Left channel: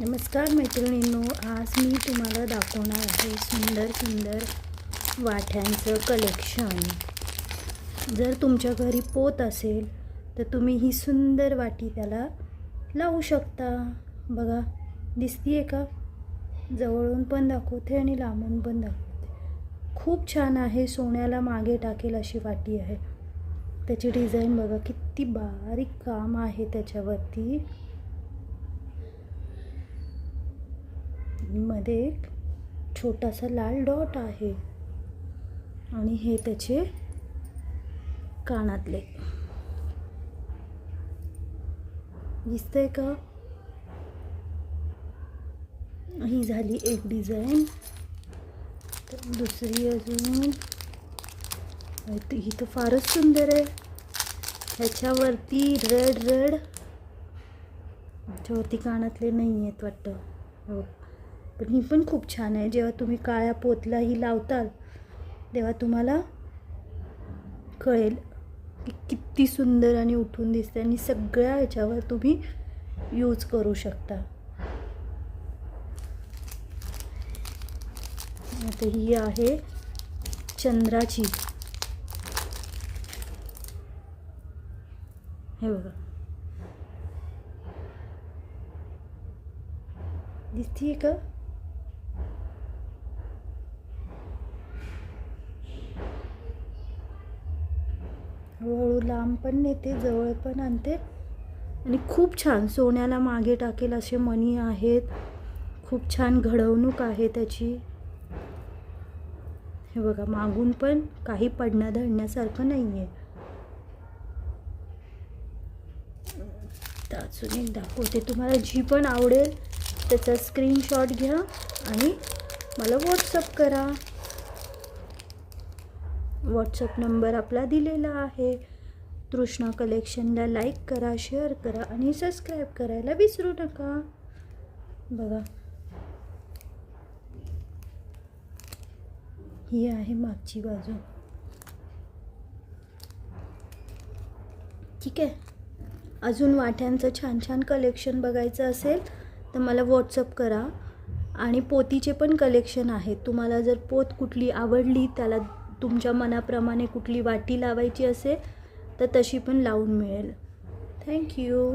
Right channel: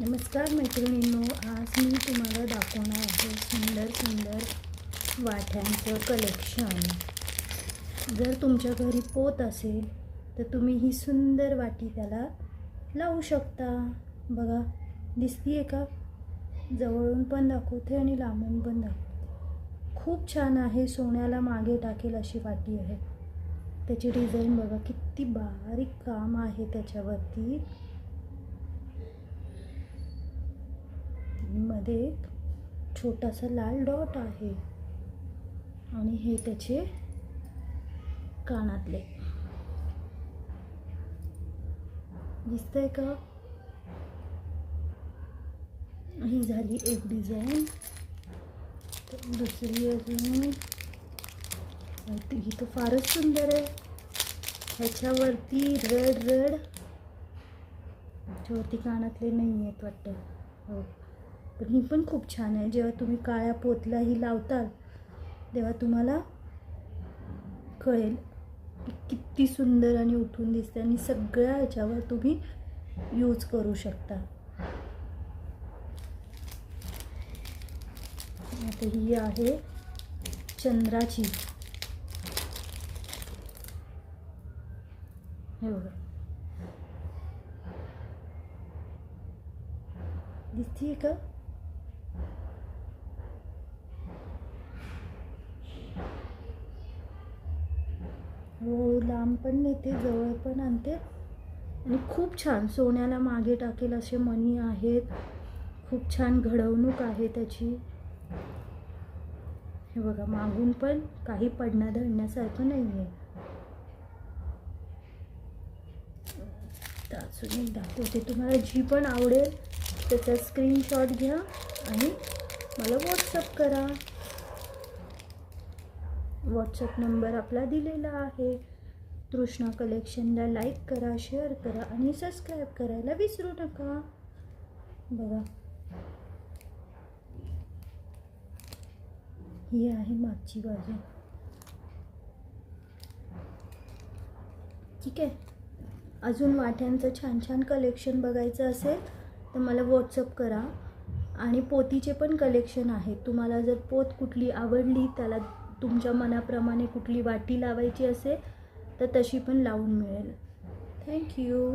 नमस्कार मैत्रिणींनो, आज मी तुम्हाला दाखवणार आहे सुंदर सुंदर वाट्यांचं कलेक्शन. जर तुमच्या घरी पोत असेल तर तुम्ही ही सुंदर वाटी त्याला लावू शकता. बघा, दिसतीये का? जवळून पण दाखवते आणि लांबून पण दाखवते. खूप छान आहे. सोन्याला मागे टाकेल अशी वाटी आहे. त्याची डिझाईन बघा, किती बारीक काम आहे त्याच्यावरती. मध्ये एक छोटासा लाल डॉट आहे आणि हे त्याचे कानातले. दिसतंय का? ही झाली एक डिझाईन. दुसरी अजून ही तर फारच सुंदर आहे. ह्याच्यावरती रेड ह्याच्यावरती कानातले नाही आहेत वाटतं. हो, पण ही पण खूप छान आहे. जेव्हा तुम्ही काळ्या पोतला ही लावताल तेव्हा तुम्हाला कळेल की किती सुंदर आणि उठून दिसते. आणि सगळ्या ह्याच्यावर तुम्ही यूज करू शकता. आता ही आहे चंद्राची. हे बघा, दिसतीये का? हळूहळू लांब पण नेते, जवळ पण आणते आणि खूप छान सोन्याला मागे टाकेल असे मणी आहेत. खूप छान घडवणूक आहे त्याची. हे बघा, मागून पण काही पडणं धडण्यासारखं नाही आहे. अजून एक दाखवते तुम्हाला. जी पण आवडेल त्याचा स्क्रीनशॉट घ्या आणि मला व्हॉट्सअप करा. व्हॉट्सअप नंबर आपला दिलेला आहे. तृष्णा कलेक्शनला लाईक करा, शेअर करा आणि सबस्क्राईब करायला विसरू नका. बघा, ही आहे मागची बाजू. ठीक आहे. अजून वाट्यांचं छान छान कलेक्शन बघायचं असेल तर मला व्हॉट्सअप करा. आणि पोतीचे पण कलेक्शन आहे. तुम्हाला जर पोत कुठली आवडली, त्याला तुमच्या मनाप्रमाणे कुठली वाटी लावायची असेल तर तशी पण लावून मिळेल. थँक्यू.